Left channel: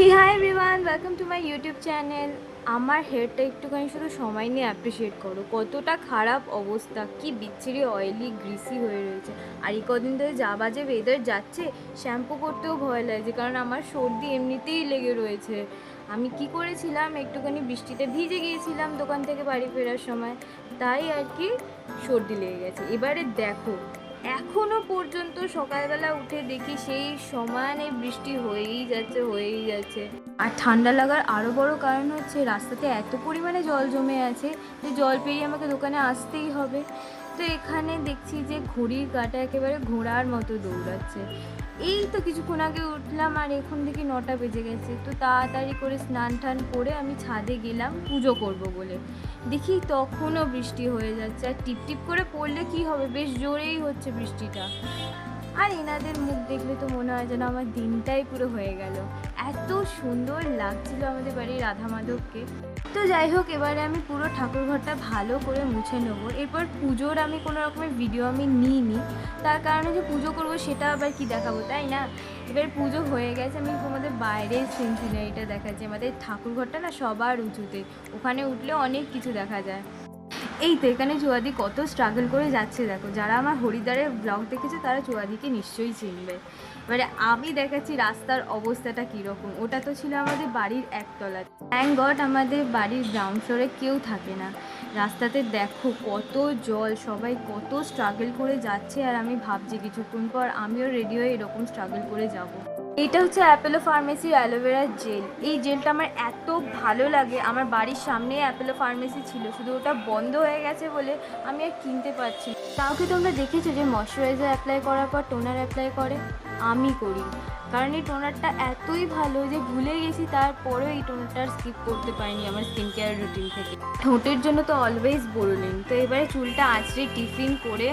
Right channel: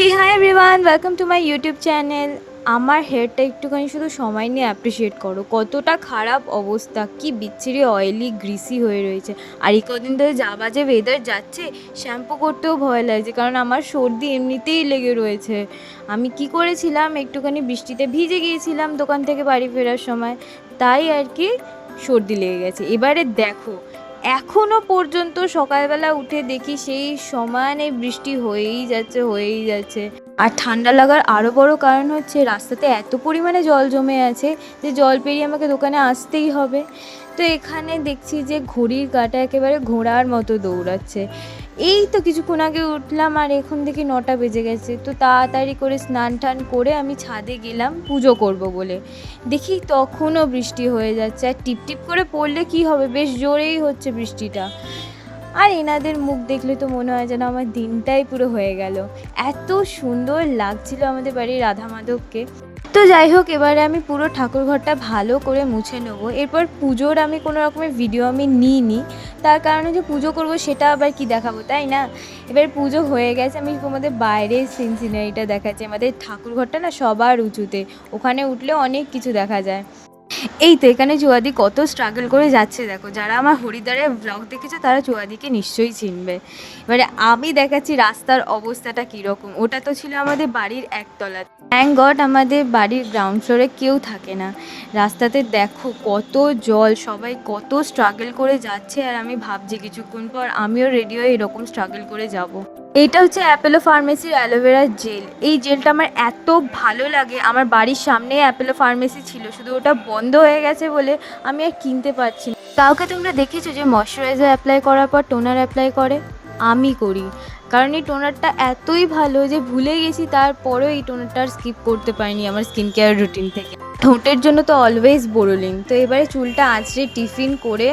Hey hi everyone welcome to my YouTube channel আমার হেয়ারটা একটুখানি শুধু সময় নিয়ে অ্যাপ্রিসিয়েট করো। কতটা খারাপ অবস্থা, কি বিচ্ছিরি অয়েলি গ্রিসি হয়ে রয়েছে। আর এই কদিন ধরে যা বাজে ওয়েদার যাচ্ছে শ্যাম্পু করতেও ভয় লাগছে, কারণ আমার সর্দি এমনিতেই লেগে রয়েছে। আমি কি করেছিলাম, একটুখানি বৃষ্টিতে ভিজে গিয়েছিলাম দোকান থেকে বাড়ি ফেরার সময়, তাই আর কি সর্দি লেগে গেছে। এবারে দেখো এখনও পর্যন্ত সকালবেলা উঠে দেখি সেই সমানে বৃষ্টি হয়েই যাচ্ছে হয়েই যাচ্ছে। আর ঠান্ডা লাগার আরও বড় কারণ হচ্ছে রাস্তাতে এত পরিমাণে জল জমে আছে যে জল পেরিয়ে আমাকে দোকানে আসতেই হবে। তো এখানে দেখছি যে ঘড়ির কাটা একেবারে ঘোড়ার মতো দৌড়াচ্ছে। এই তো কিছুক্ষণ আগে উঠলাম আর এখন দেখি নটা বেজে গেছে। তো তাড়াতাড়ি করে স্নান টান করে আমি ছাদে গেলাম পুজো করব বলে। দেখি তখনও বৃষ্টি হয়ে যাচ্ছে আর টিপ টিপ করে পড়লে কি হবে? বেশ জোরেই হচ্ছে বৃষ্টিটা। আর এনাদের মুখ দেখলে তো মনে হয় যেন আমার দিনটাই পুরো হয়ে গেল। এত সুন্দর লাগছিল আমাদের বাড়ির রাধা মাধবকে তো যাই হোক, এবারে আমি পুরো ঠাকুর ঘরটা ভালো করে মুছে নেব। এরপর পুজোর আমি কোনো রকমের ভিডিও আমি নিইনি। তার কারণ হচ্ছে পুজো করব সেটা আবার কি দেখাবো, তাই না? এবার পুজো হয়ে গেছে, আমি আমাদের বাইরের সিন সিনারিটা দেখাচ্ছি। আমাদের ঠাকুর ঘরটা না সবার উঁচুতে, ওখানে উঠলে অনেক কিছু দেখা যায়। এই তো এখানে চুয়াদি কত স্ট্রাগল করে যাচ্ছে, দেখো। যারা আমার হরিদ্বারের ব্লগ দেখেছে, তারা চুয়াদিকে নিশ্চয়ই চিনবে। এবারে আমি দেখাচ্ছি রাস্তার অবস্থাটা কীরকম। ওটা তো ছিল আমাদের বাড়ির একতলা। থ্যাংক গড আমাদের বাড়ির গ্রাউন্ড ফ্লোরে কেউ থাকে না। রাস্তাতে দেখো কত জল, সবাই কত স্ট্রাগল করে যাচ্ছে, আর আমি ভাবছি কিছুক্ষণ পর আমিও রেডি হয়ে এরকম স্ট্রাগল করে যাব। এইটা হচ্ছে অ্যাপেলো ফার্মেসির অ্যালোভেরা জেল এই জেলটা আমার এত ভালো লাগে। আমার বাড়ির সামনে অ্যাপেলো ফার্মেসি ছিল। শুধু ওটা বন্ধ হয়ে গেছে বলে আমি আর কিনতে পারছি না। কাউকে তোমরা দেখেছ যে ময়শ্চারাইজার অ্যাপ্লাই করার পর টোনার অ্যাপ্লাই করে? আমি করি। কারণ এই টোনারটা এতই ভালো যে ভুলে গেছি, তারপরেও এই টোনারটা আর স্কিপ করতে পারিনি আমার স্কিন কেয়ার রুটিন থেকে। ঠোঁটের জন্য তো অলওয়েজ বোরোলিন তো এবারে চুলটা আঁচড়ে টিফিন করে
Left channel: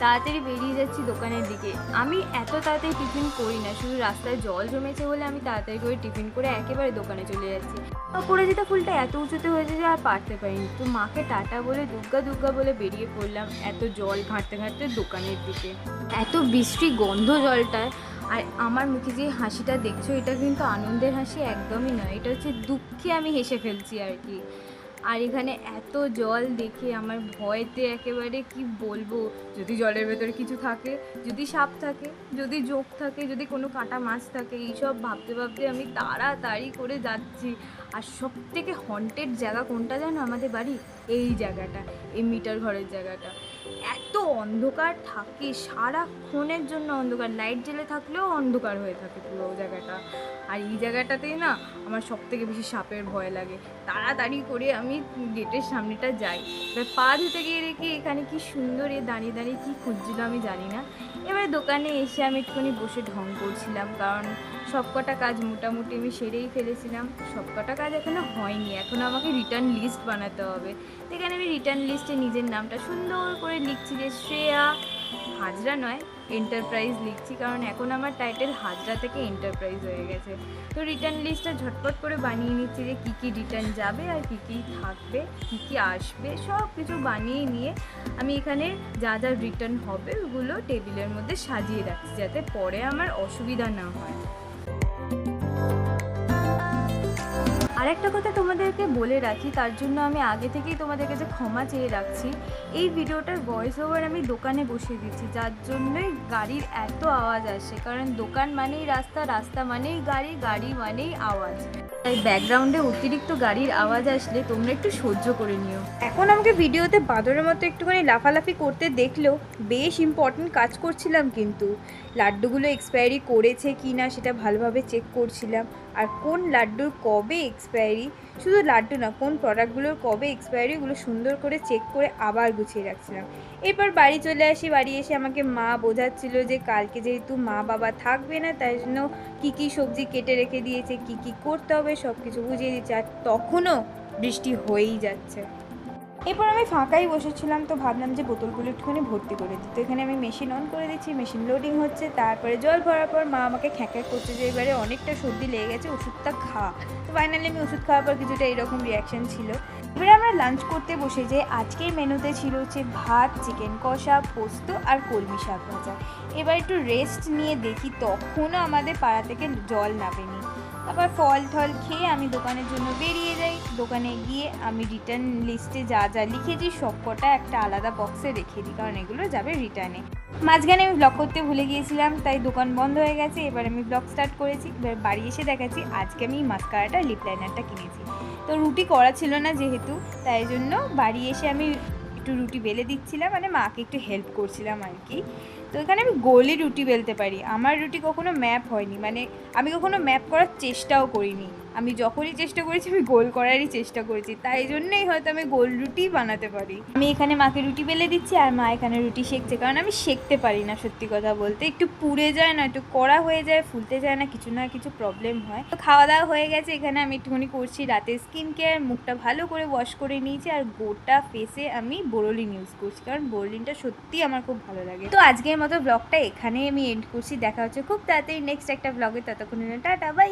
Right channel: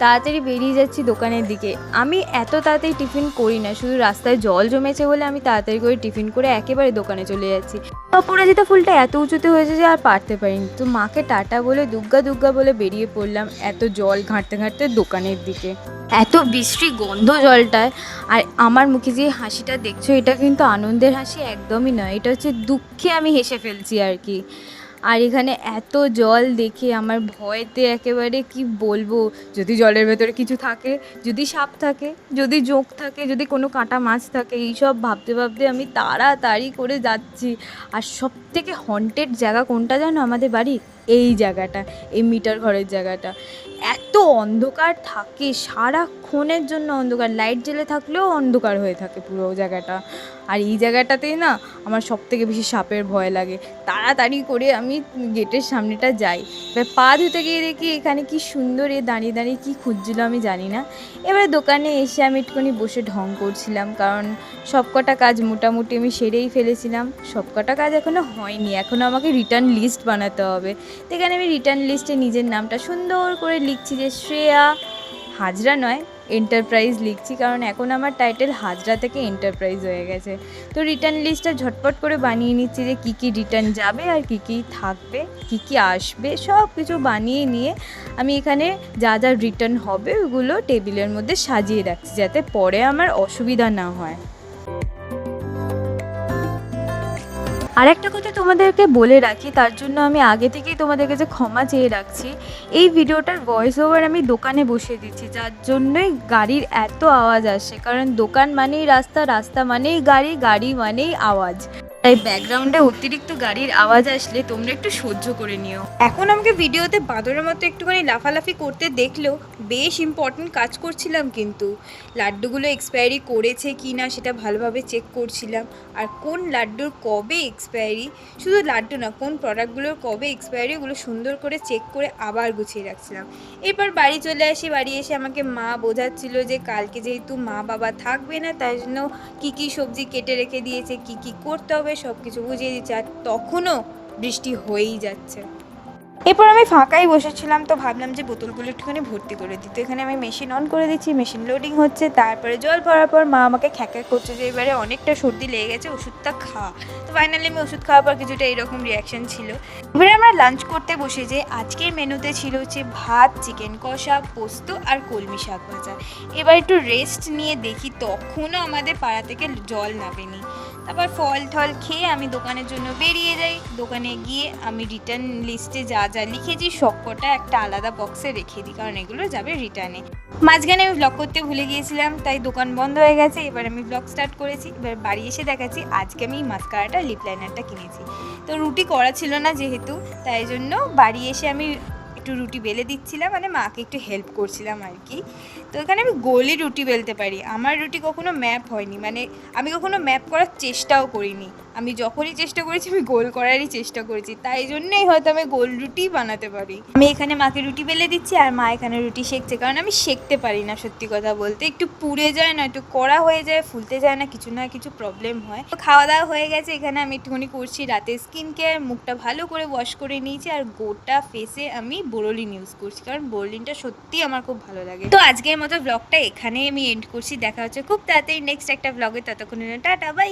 তাড়াতাড়ি বেরিয়ে যাচ্ছি দোকানের দিকে। আমি এত তাড়াতাড়ি টিফিন করি না, শুধু রাস্তায় জল জমেছে বলে আমি তাড়াতাড়ি করে টিফিন করে একেবারে দোকানে চলে যাচ্ছি। অপরাজিতা ফুলটা এত উঁচুতে হয়েছে যে আর পারতে পারিনি। তো মাকে টাটা বলে, দুগ্গা দুগ্গা বলে বেরিয়ে পড়লাম এত জল ঘাঁটতে ঘাঁটতে দোকানের দিকে। এত বৃষ্টি গন্ধ জলটায় আর আমার মুখে যে হাসিটা দেখছ, এটা কিন্তু আনন্দের হাসি একদমই নয়। এটা হচ্ছে দুঃখে আমি হেসে ফেলছি আর কি। আর এখানে এত জল দেখে আমার ভয়েতে একেবারে কি বলব, যদি জলের ভেতরে কিছু থাকে, যদি সাপ থাকে, যদি জোঁক থাকে, যদি কোনো কাঁটা মাছ থাকে, এইসব ভাবতে ভাবতে আমি তাড়াতাড়ি করে যাচ্ছি। আর সব থেকে হন্টেড জায়গা কোনটা জানো? আমাদের বাড়ির এই জায়গাটা, এই মিটার ঘরের জায়গাটা। এত অন্ধকার থাকে, সারাক্ষণের জন্য অন্ধকার। লাইট জ্বেলে থাকলেও অন্ধকার হয়ে থাকে পুরো জায়গাটা। আর এই জায়গাটাতেই না আমার সব থেকে বেশি সাপের ভয় লাগে। তাড়াতাড়ি করে আমি গেটের সামনেটা যাই। এবার পা ধুতে গিয়ে দেখি এখানে কি সুন্দর এ দাঁড়িয়ে দাঁড়িয়ে কী খুঁজছিল আমি জানি না। এবারে দোকানে এসে আমি একটুখানি বসে ঢং করছিলাম, কারণ সবকটা কাজ মোটামুটি আমি সেরেই ফেলেছিলাম। সবকটা কাজ এখনও হয়নি এখনও আমাকে রিটার্ন লিস্ট বানাতে হবে। তো এখানে আমি রিটার্ন লিস্টে নিজের নামটা সুন্দর করে লিখছি যে শ্রেয়া হাজরা নয় এন্টারপ্রাইজ লিখছি কারণ এখন আমার টাইটেল হাজরা থেকে এন্টারপ্রাইজ হয়ে গেছে। তো রিটার্ন লিস্টটা ঝটপট করে বানিয়ে নিচ্ছি যে কী কী রিটার্ন যাবে আর কী কী থাকবে, কী কী আসবে, সব কিছু বানিয়ে নিয়ে আমি এখানে যা যা রিটার্ন হবে ওগুলো টেবিলের মধ্যে সাজিয়ে রাখছি যাতে পরে আমার অসুবিধা না হয়। আর একটা কথা তোমাদেরকে বলে রাখি, তার জন্য আমি আগে থেকেই তোমাদের কাছে ক্ষমা চেয়ে রাখছি, এই ভিডিওটার ভয়েস ওভার আমি দোকানে বসিয়ে দিচ্ছি, যার জন্যই গাড়ির এত আওয়াজ আসে। কারণ দোকান মানেই রাস্তা রাস্তা মানেই গাড়ি গাড়ি মানেই আওয়াজ। তাই ব্যাকগ্রাউন্ডে অতিরিক্ত গাড়ির আওয়াজ আসলে তোমরা একটু সহ্য করে নিও। এখন আমাকে ভিডিওতে বাঁদরের মতো একটুখানি লাফালাফি করতে দেখলেও বেশ ইম্পর্টেন্ট কাজ করছিলাম কিন্তু। লাড্ডুগুলো এক্সপায়ারি করেছে কি না সেটা ভালোভাবে চেক করছিলাম। আর কোন লাড্ডুর কবে এক্সপায়ারি শুধু লাড্ডু না, কোন প্রোডাক্টগুলোর কবে এক্সপায়ারি ওগুলো সুন্দর করে চেক করে আবার গুছিয়ে রাখছিলাম। এরপর বাড়ি চলে আসি, বাড়ি এসে আমাকে মা বোঝাচ্ছিল যে কালকে যেহেতু মা বাবা থাকবে না, তাই জন্য কী কী সবজি কেটে রেখে দিয়েছে, কী কী করতে হবে সব কিছু বুঝিয়ে দিচ্ছে আর তখনও বৃষ্টি হয়েই যাচ্ছে। এরপর আমি ফাঁকাই বসেছিলাম তো ভাবলাম যে বোতলগুলো একটুখানি ভর্তি করে দিই। তো এখানে আমি মেশিন অন করে দিচ্ছি মেশিন লোডিং হচ্ছে, তারপরে জল ভরার পর মা আমাকে খ্যাঁকা করছে যে এবারে অনেকটা সর্দি লেগে গেছে, ওষুধটা খা। তো ফাইনালি আমি ওষুধ খাওয়ার পর কিছুটা এরকম রিয়াকশন ছিল। এবারে আমরা লাঞ্চ করতে বসে যে আজকের মেনুতে ছিল হচ্ছে ভাত চিকেন কষা, পোস্ত আর কলমি শাক ভাজা। এবার একটু রেস্ট নিয়ে দেখি, তখনও আমাদের পাড়া থেকে জল নামেনি। তারপর ফল টল খেয়ে আমি দোকানের জন্য বেরিয়ে যাই। দোকানে গিয়ে আমি রিটার্ন লিস্টে যা যা লিখেছি সবকটা একটা আলাদা বক্সে রেখে দিই, কারণ এগুলো যাবে রিটার্নে মাঝখানে আমি ব্লগ করতে ভুলে গিয়েছিলাম, তাই দোকান বন্ধ হয়ে গেছে। এবার আমি ব্লগ স্টার্ট করেছি, এবার বাড়ি এসে দেখাচ্ছি, আজকে আমি মাস্কারাটা লিপ লাইনারটা কিনেছি। তো রুটি করা ছিল না যেহেতু, তাই জন্য বাড়ি এসে আমি একটু রুটি বেলে দিচ্ছিলাম মানে মাকে একটু হেল্প করছিলাম আর কি। তো এখানে আমি গোলই রুটি বেলতে পারি। আমার রুটি কখনো ম্যাপ হয়নি। মানে আমি কখনো ম্যাপ করার চেষ্টাও করিনি। আমি যখনই চেষ্টা করেছি, আমি গোল করারই চেষ্টা করেছি। তাই জন্যই হয়তো আমি গোল রুটি বানাতে পারি। আমি এখানে মাকে রুটি বেলে দিচ্ছি আর মা এখানে রুটি সেঁকছে কারণ আমি সেঁকতে পারি না, সত্যি কথা বলতে। একটু পুড়ে যায় না, একটু কড়া হয়ে যায়, ফুলতে যায় না, কিছু না কিছু প্রবলেম হয়। তো খাওয়া দাওয়া হয়ে গেছে, এখানে আমি একটুখানি করছি রাতে স্কিন কেয়ার মুখটা ভালো করে ওয়াশ করে নিয়েছি আর গোটা ফেসে আমি বোরোলিন ইউজ করছি। কারণ বোরোলিনটা সত্যি আমার খুব ভালো লাগে। তো আজকের মতো ব্লগটা এখানে আমি এন্ড করছি। দেখা হচ্ছে খুব তাড়াতাড়ি নেক্সট একটা ব্লগে ততক্ষণ টাটা বাই